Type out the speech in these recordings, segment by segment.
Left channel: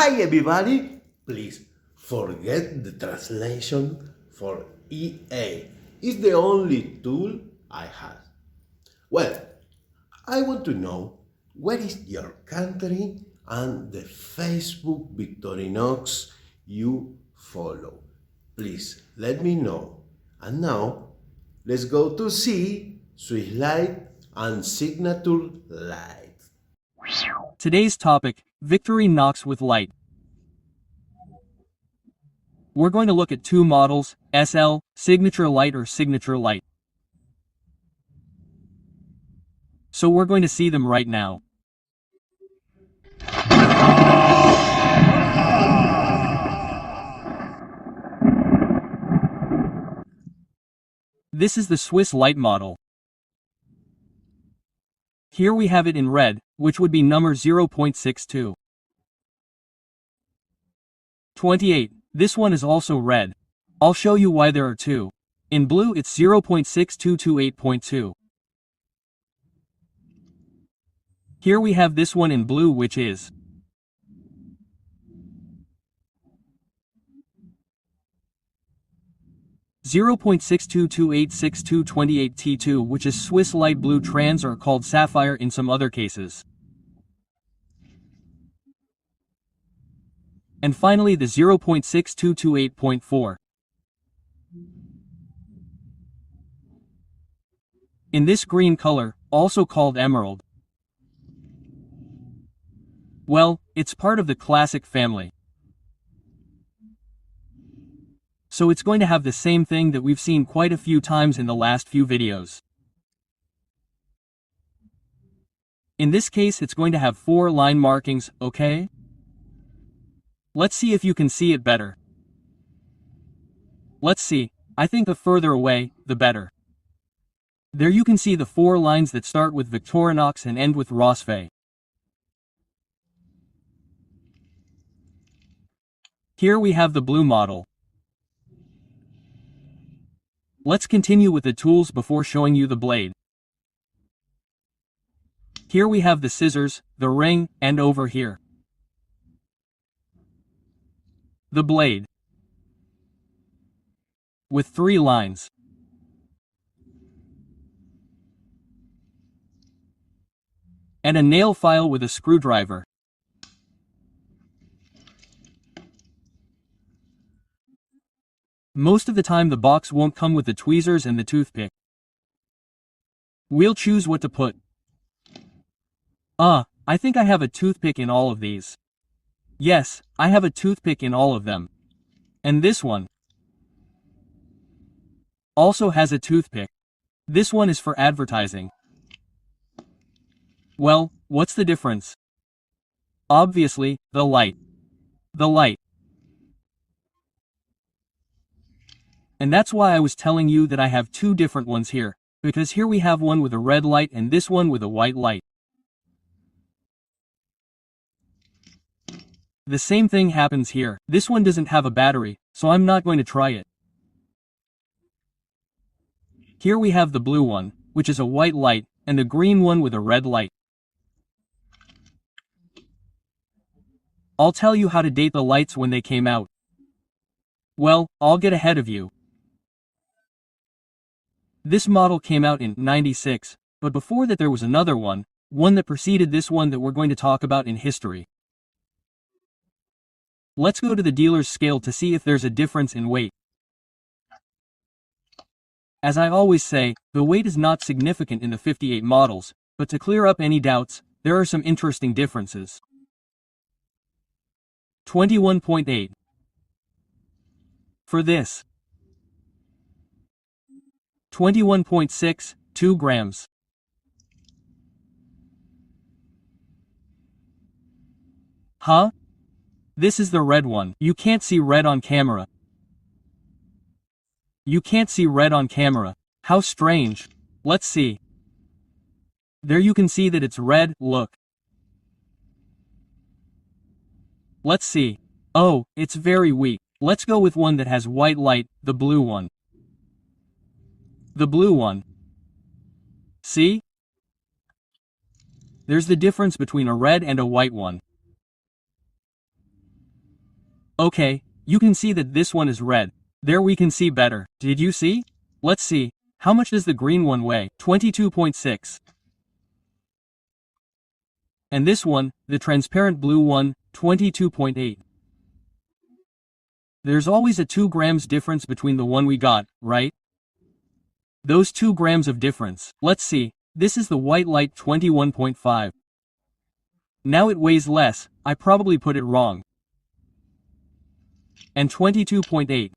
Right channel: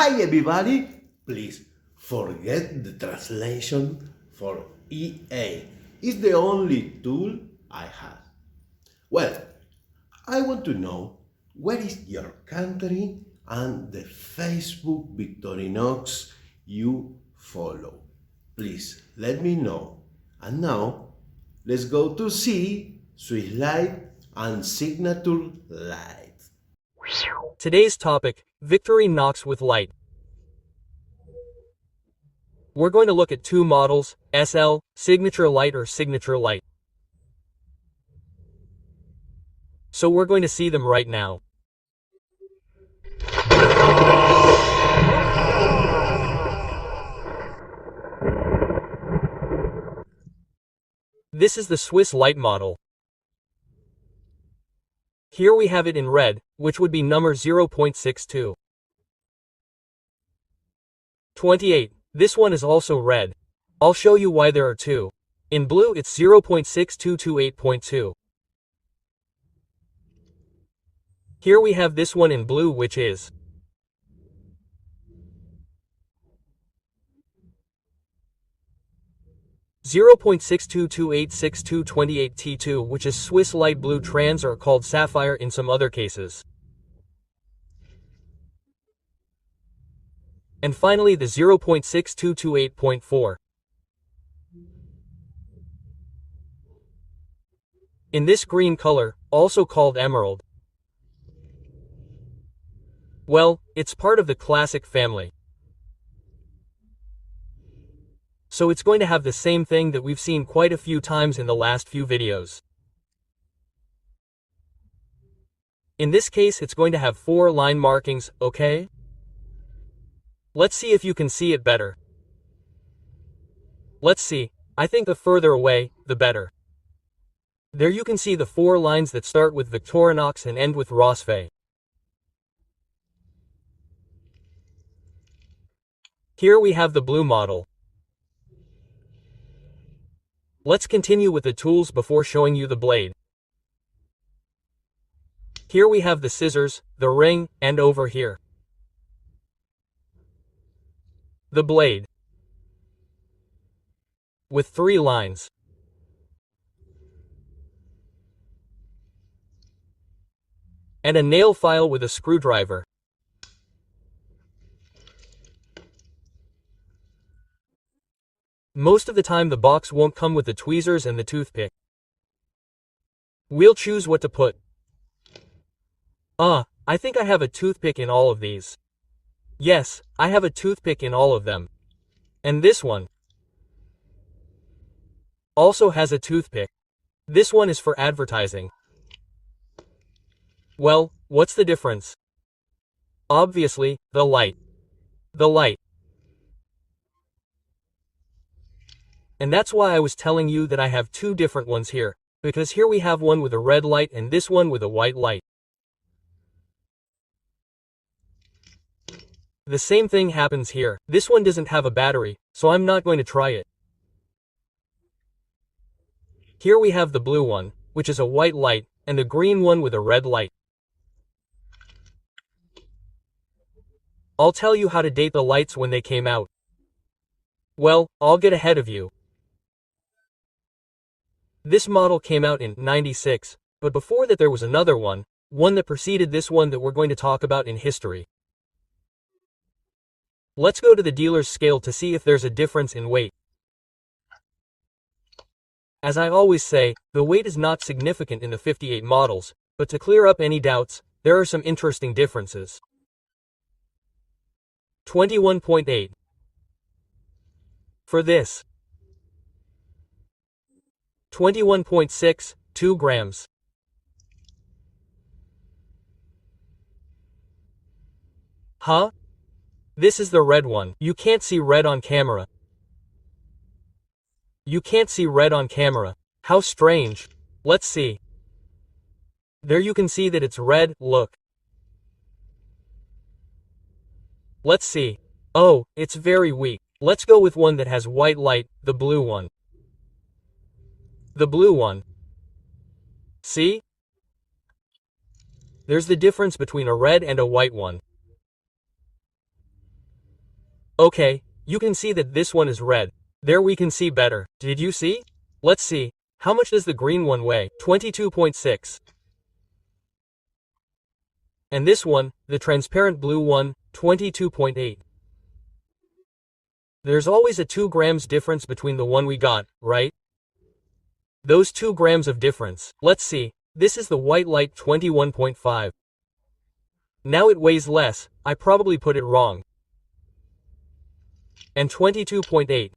Hi everybody! Please forget the translation for EA. It's the only tool I have. Well, I want to know where is your country and the Facebook Victorinox you follow. Please let me know. And now, let's go to see SwissLite and Signature Lite. Today's topic, Victorinox with Lite. We're going to look at two models, SL, Signature Lite or Signature Lite. So we're going to see them right now. This is the SwissLite model. Here we have it in red, which would be number 0.62. 28. This one is also red. I'll show you why there are two. In blue it's 0.6228.2. Here we have this one in blue, which is 0.62286228T2, which is SwissLite blue trans or called sapphire in some other cases. And finally the 0.6228.4. In this green color, also called emerald. Well, it's part of the classic family. So it's going to have the same thing that we've seen quite a few times in the last few videos. In this case it's going to have 4 line markings, okay? Let's see if you can see it better. Let's see. I think the further away, the better. There you can see the 4 lines that start with Victorinox and end with Rosfe. Here we have the blue model. Let's continue with the tools before showing you the blade. Here we have the scissors, the ring, and over here, the blade. With 3 lines. And a nail file with a screwdriver. Most of the time the box won't come with the tweezers and the toothpick. We'll choose what to put. I think I have a toothpick in all of these. Yes, I have a toothpick in all of them. And this one also has a toothpick. This one is for advertising. Well, what's the difference? Obviously, the light. The light. And that's why I was telling you that I have 2 different ones here, because here we have one with a red light and this one with a white light. The same thing happens here. This one doesn't have a battery, so I'm not going to try it. Here we have the blue one, which is a white light, and the green one with a red light. I'll tell you how to date the lights when they came out. Well, I'll get ahead of you. This model came out in '96, but before that there was another one that preceded this one that we're going to talk about in history. Let's go to the dealer's scale to see if there's a difference in weight. As I always say, the weight is not significant in the 58 models, but to clear up any doubts, there are some interesting differences. 21.8. For this. 21.6, 2 grams. Huh? This is the red one. You can't see red on camera. You can't see red on camera. How strange. Let's see. There you can see that it's red, look. Let's see. Oh, it's very weak. Let's go with one that has white light, the blue one. The blue one. See? There's the difference between a red and a white one. Okay, you can see that this one is red. There we can see better. Did you see? Let's see. How much does the green one weigh? 22.6. And this one, the transparent blue one, 22.8. There's always a 2 grams difference between the one we got, right? Those 2 grams of difference. Let's see. This is the white light 21.5. Now it weighs less, I probably put it wrong. And 22.8.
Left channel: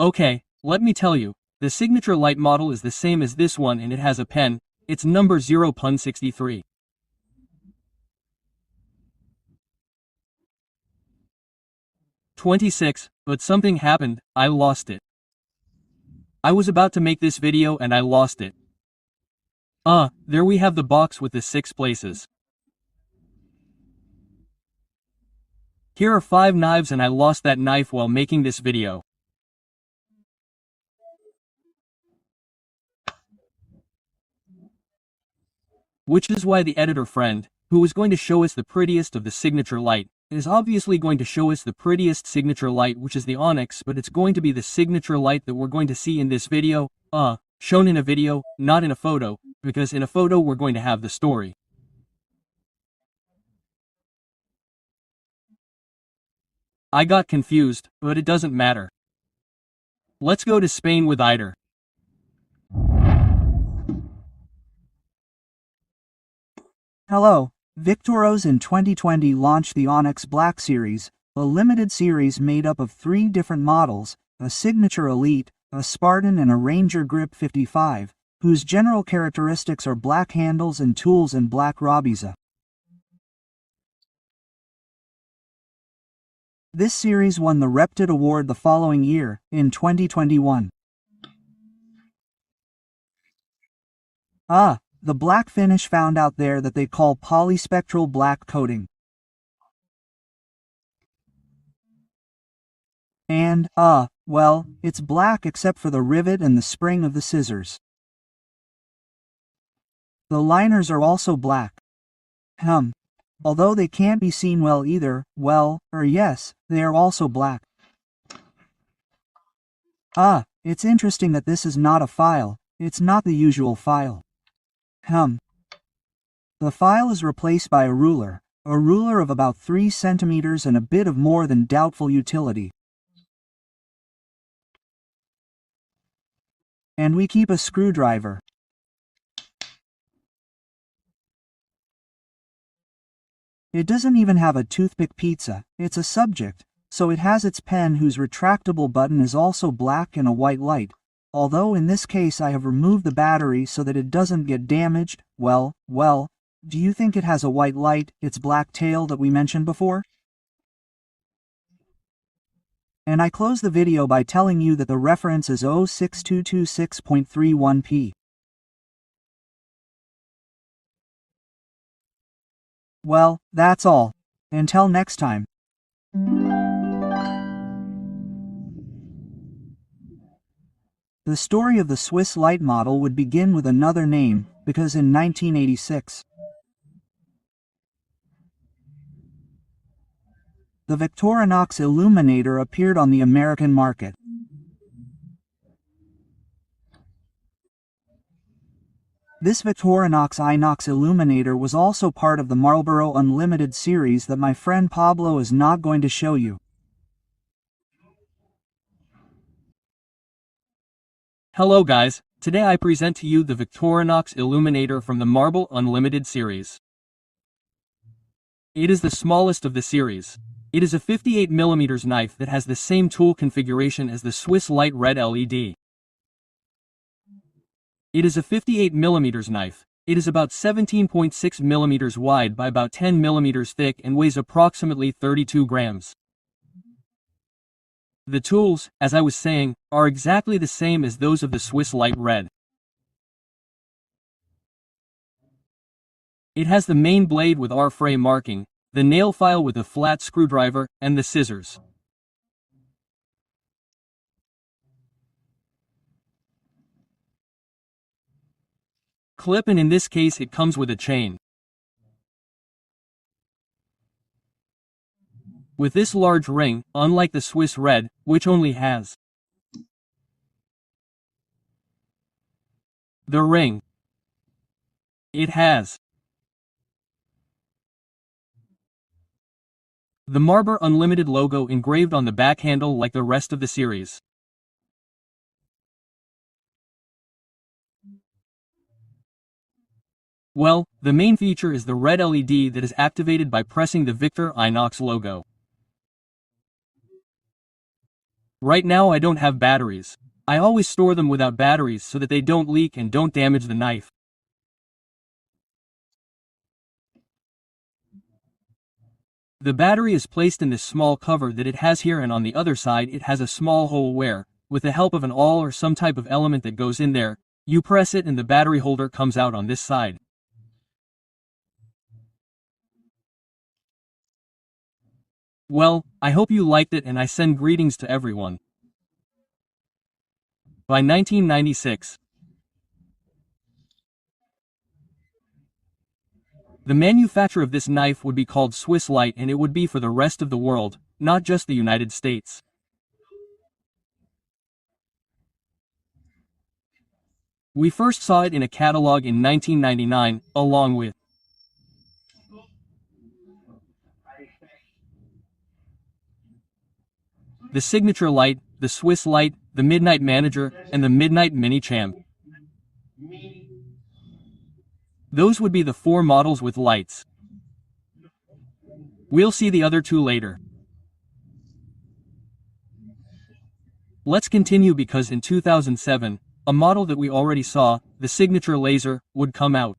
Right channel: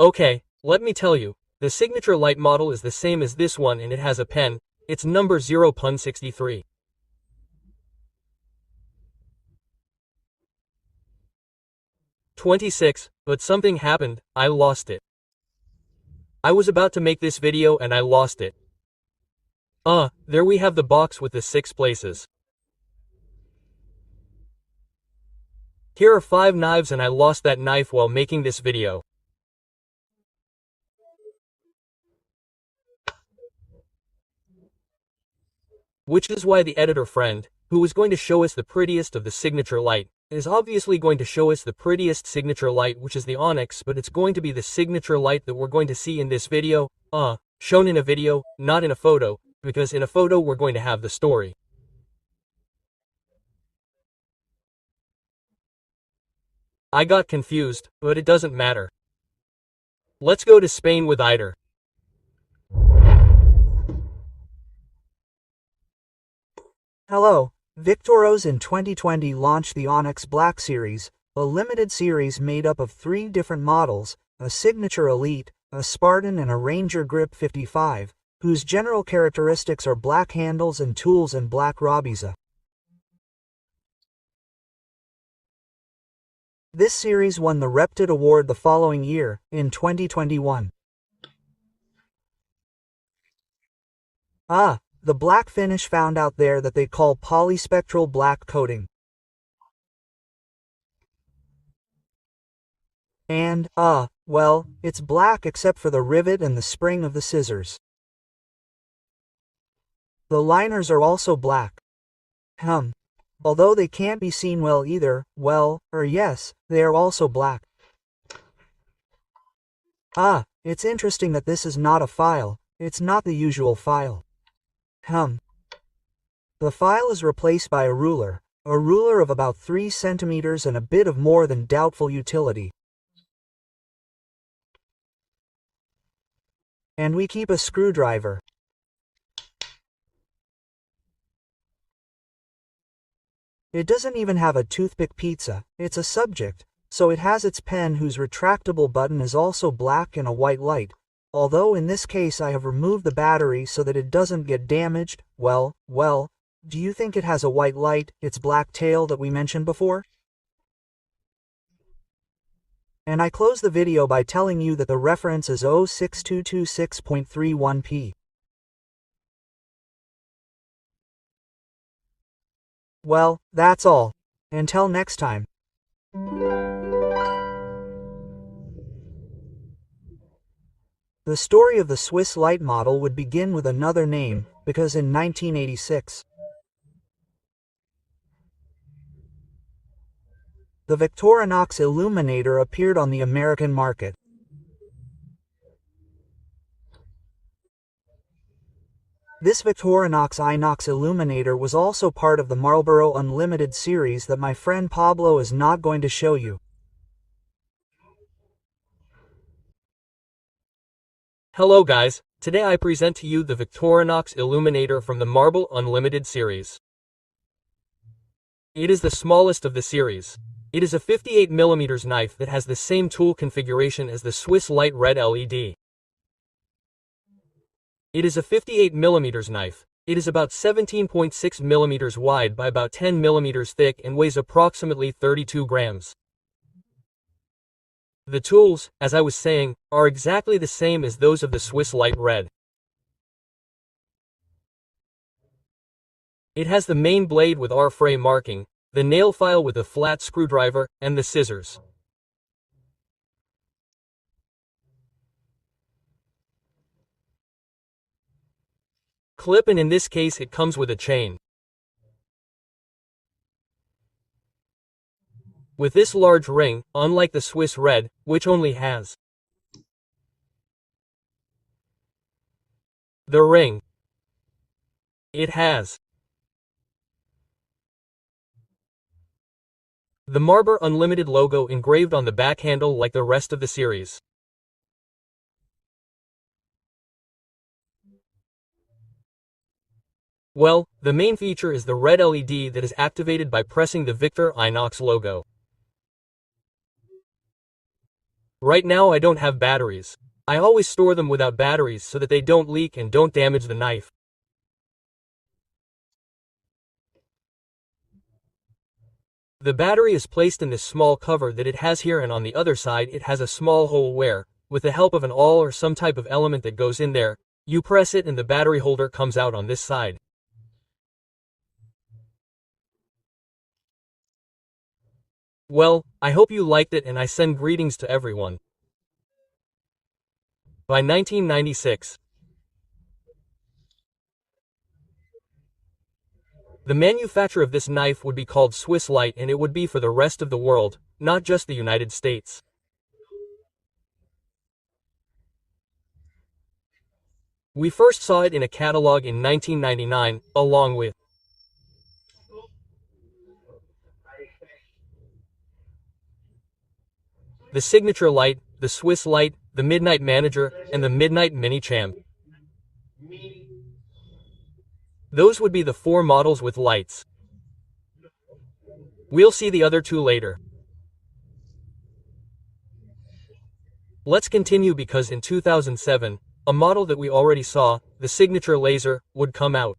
Okay, let me tell you, the Signature Lite model is the same as this one and it has a pen, it's number 0.63. $26, but something happened, I lost it. I was about to make this video and I lost it. There we have the box with the 6 places. Here are 5 knives and I lost that knife while making this video. Which is why the editor friend, who was going to show us the prettiest of the Signature Lite, is obviously going to show us the prettiest Signature Lite, which is the Onyx, but it's going to be the Signature Lite that we're going to see in this video, shown in a video, not in a photo, because in a photo we're going to have the story. I got confused, but it doesn't matter. Let's go to Spain with Eider. Hello, Victorinox in 2020 launched the Onyx Black Series, a limited series made up of 3 different models, a Signature Elite, a Spartan and a Ranger Grip 55, whose general characteristics are black handles and tools and black Robisa. This series won the Reptit Award the following year, in 2021. The black finish found out there that they call polyspectral black coating. And, well, it's black except for the rivet and the spring of the scissors. The liners are also black. Although they can't be seen well either, well, or yes, they are also black. It's interesting that this is not a file, it's not the usual file. The file is replaced by a ruler of about 3 centimeters and a bit of more than doubtful utility. And we keep a screwdriver. It doesn't even have a toothpick pizza, it's a subject, so it has its pen whose retractable button is also black and a white light, although in this case I have removed the battery so that it doesn't get damaged. Well, do you think it has a white light, its black tail that we mentioned before? And I close the video by telling you that the reference is 06226.31p. Well, that's all. Until next time. The story of the SwissLite model would begin with another name, because in 1986, the Victorinox Illuminator appeared on the American market. This Victorinox Inox Illuminator was also part of the Marlboro Unlimited series that my friend Pablo is not going to show you. Hello guys, today I present to you the Victorinox Illuminator from the Marble Unlimited series. It is the smallest of the series. It is a 58mm knife that has the same tool configuration as the SwissLite Red LED. It is a 58mm knife. It is about 17.6mm wide by about 10mm thick and weighs approximately 32 grams. The tools, as I was saying, are exactly the same as those of the SwissLite Red. It has the main blade with R-frame marking, the nail file with a flat screwdriver, and the scissors. Clip, and in this case it comes with a chain. With this large ring, unlike the Swiss red, which only has the ring, it has the Marber Unlimited logo engraved on the back handle like the rest of the series. Well, the main feature is the red LED that is activated by pressing the Victorinox logo. Right now I don't have batteries. I always store them without batteries so that they don't leak and don't damage the knife. The battery is placed in this small cover that it has here, and on the other side it has a small hole where, with the help of an awl or some type of element that goes in there, you press it and the battery holder comes out on this side. Well, I hope you liked it and I send greetings to everyone. By 1996. The manufacture of this knife would be called SwissLite, and it would be for the rest of the world, not just the United States. We first saw it in a catalog in 1999, along with the Signature Lite, the SwissLite, the Midnight Manager, and the Midnight Mini Champ. Those would be the 4 models with lights. We'll see the other 2 later. Let's continue because in 2007, a model that we already saw, the Signature Laser, would come out.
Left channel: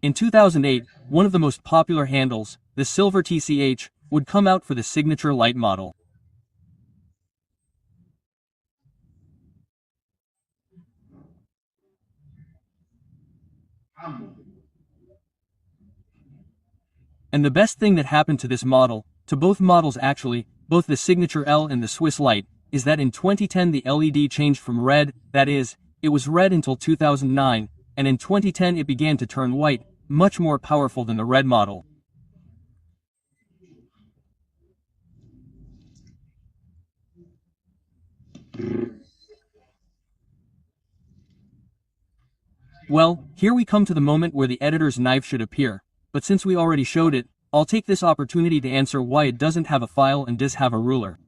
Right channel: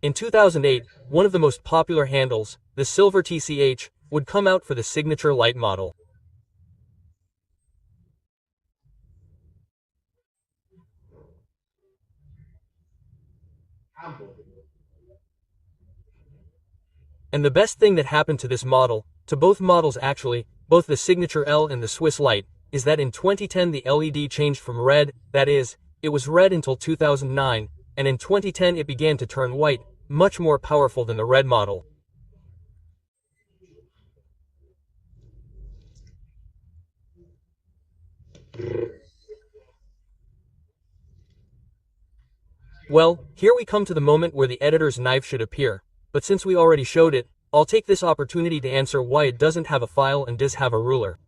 In 2008, one of the most popular handles, the Silver TCH, would come out for the Signature Lite model. And the best thing that happened to this model, to both models actually, both the Signature L and the SwissLite, is that in 2010 the LED changed from red, that is, it was red until 2009, and in 2010 it began to turn white, much more powerful than the red model. Well, here we come to the moment where the editor's knife should appear, but since we already showed it, I'll take this opportunity to answer why it doesn't have a file and does have a ruler.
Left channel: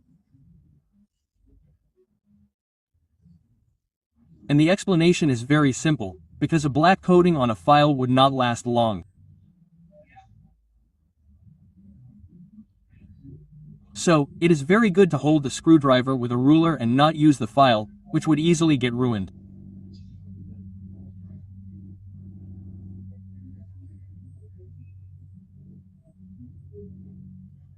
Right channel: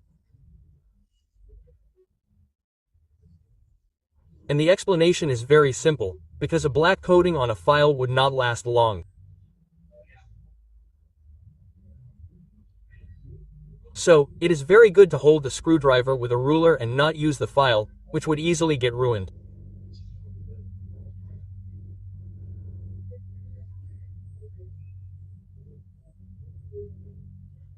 And the explanation is very simple, because a black coating on a file would not last long. So, it is very good to hold the screwdriver with a ruler and not use the file, which would easily get ruined.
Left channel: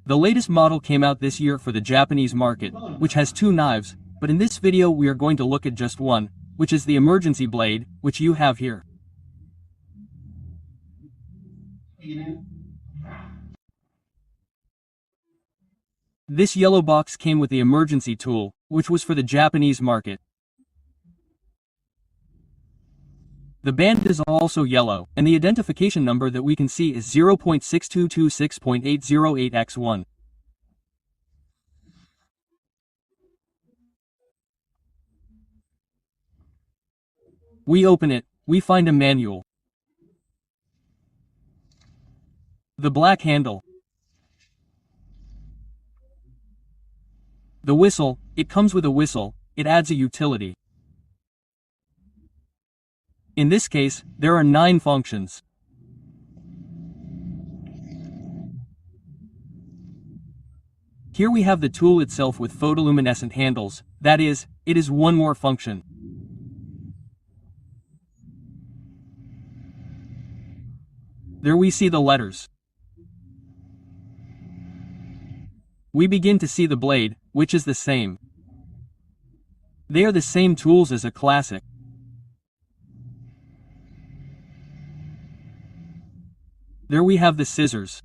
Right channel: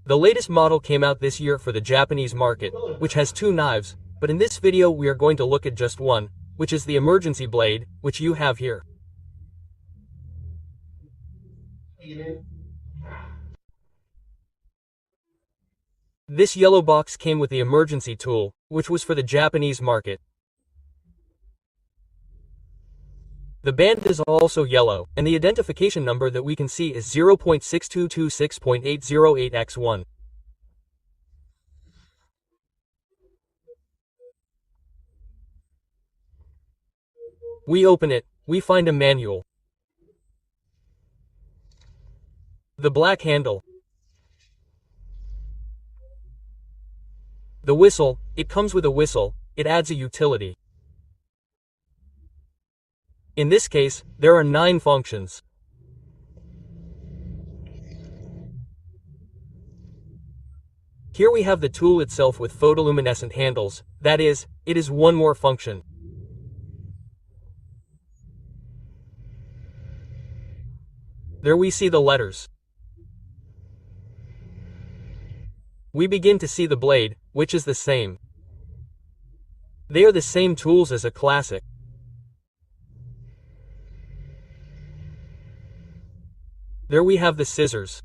The latest model came out this year for the Japanese market, which has 2 knives, but in this video we are going to look at just one, which is the emergency blade, which you have here. This yellow box came with the emergency tool, which was for the Japanese market. The band is also yellow, and the identification number that we can see is 0.6226.808x1. We open it, we find a manual. The black handle. The whistle, it comes with a whistle, it adds a utility. In this case, there are 9 functions. Here we have the tool itself with photoluminescent handles, that is, it is one more function. There we see the letters. We begin to see the blade, which is the same. They are the same tools as a classic. There we have the scissors.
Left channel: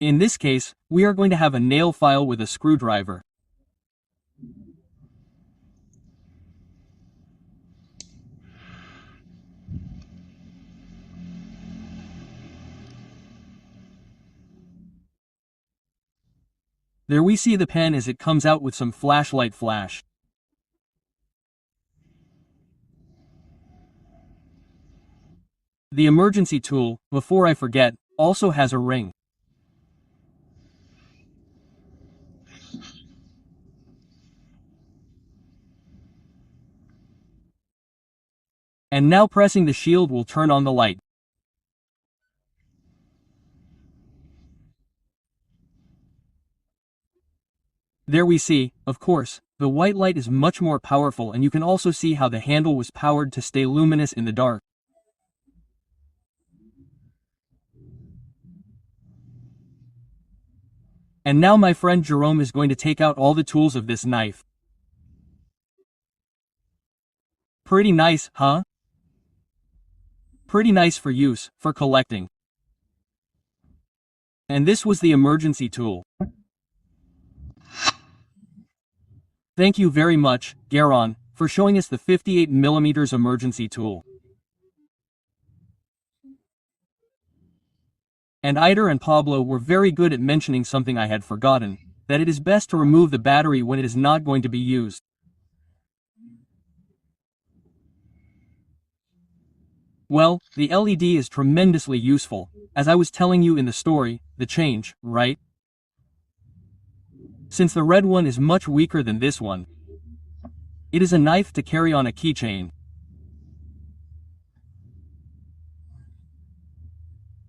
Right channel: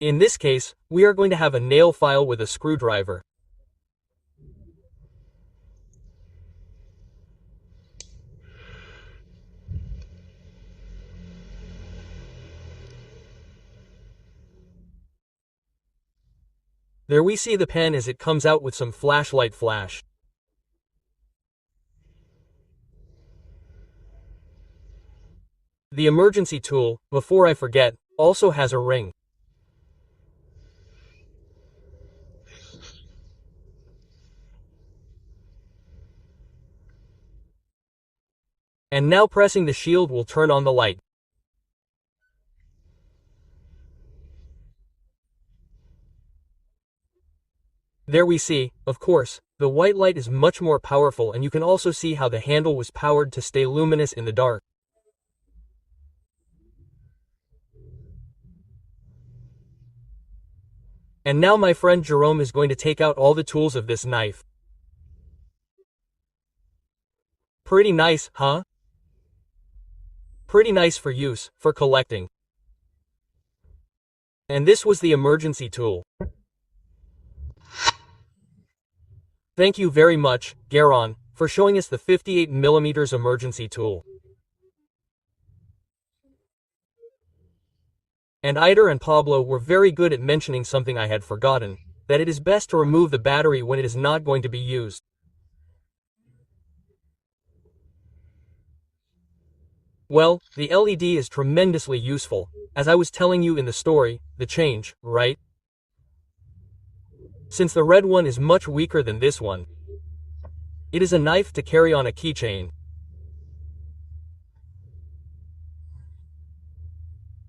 In this case, we are going to have a nail file with a screwdriver. There we see the pen as it comes out with some flashlight flash. The emergency tool, before I forget, also has a ring. And now pressing the shield will turn on the light. There we see, of course, the white light is much more powerful, and you can also see how the handle was powered to stay luminous in the dark. And now my friend Jerome is going to take out all the tools of this knife. Pretty nice, huh? Pretty nice for use, for collecting. And this was the emergency tool. Thank you very much, Garon, for showing us the 58mm emergency tool. And Eider and Pablo were very good at mentioning something I had forgotten, that it is best to remove the battery when it is not going to be used. Well, the LED is tremendously useful, as I was telling you in the story, the change, right? Since the red one is much weaker than this one. It is a knife to carry on a keychain.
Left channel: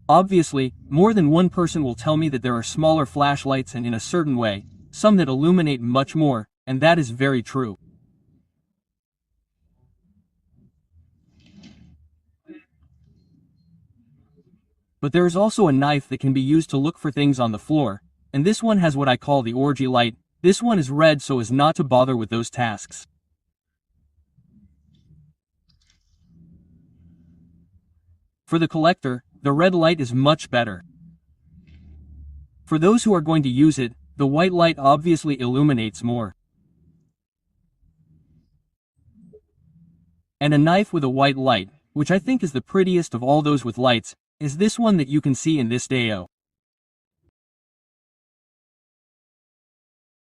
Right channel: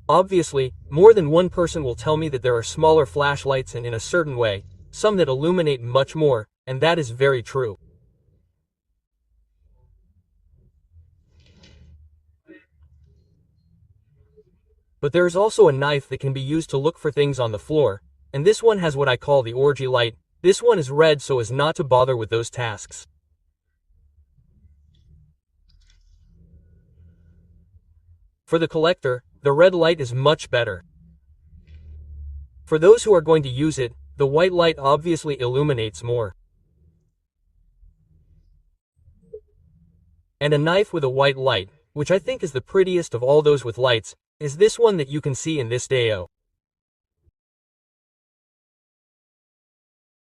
Obviously, more than one person will tell me that there are smaller flashlights and in a certain way, some that illuminate much more, and that is very true. But there is also a knife that can be used to look for things on the floor, and this one has what I call the orgy light. This one is red so as not to bother with those tasks. For the collector, the red light is much better. For those who are going to use it, the white light obviously illuminates more. And a knife with a white light, which I think is the prettiest of all those with lights, is this one that you can see in this video.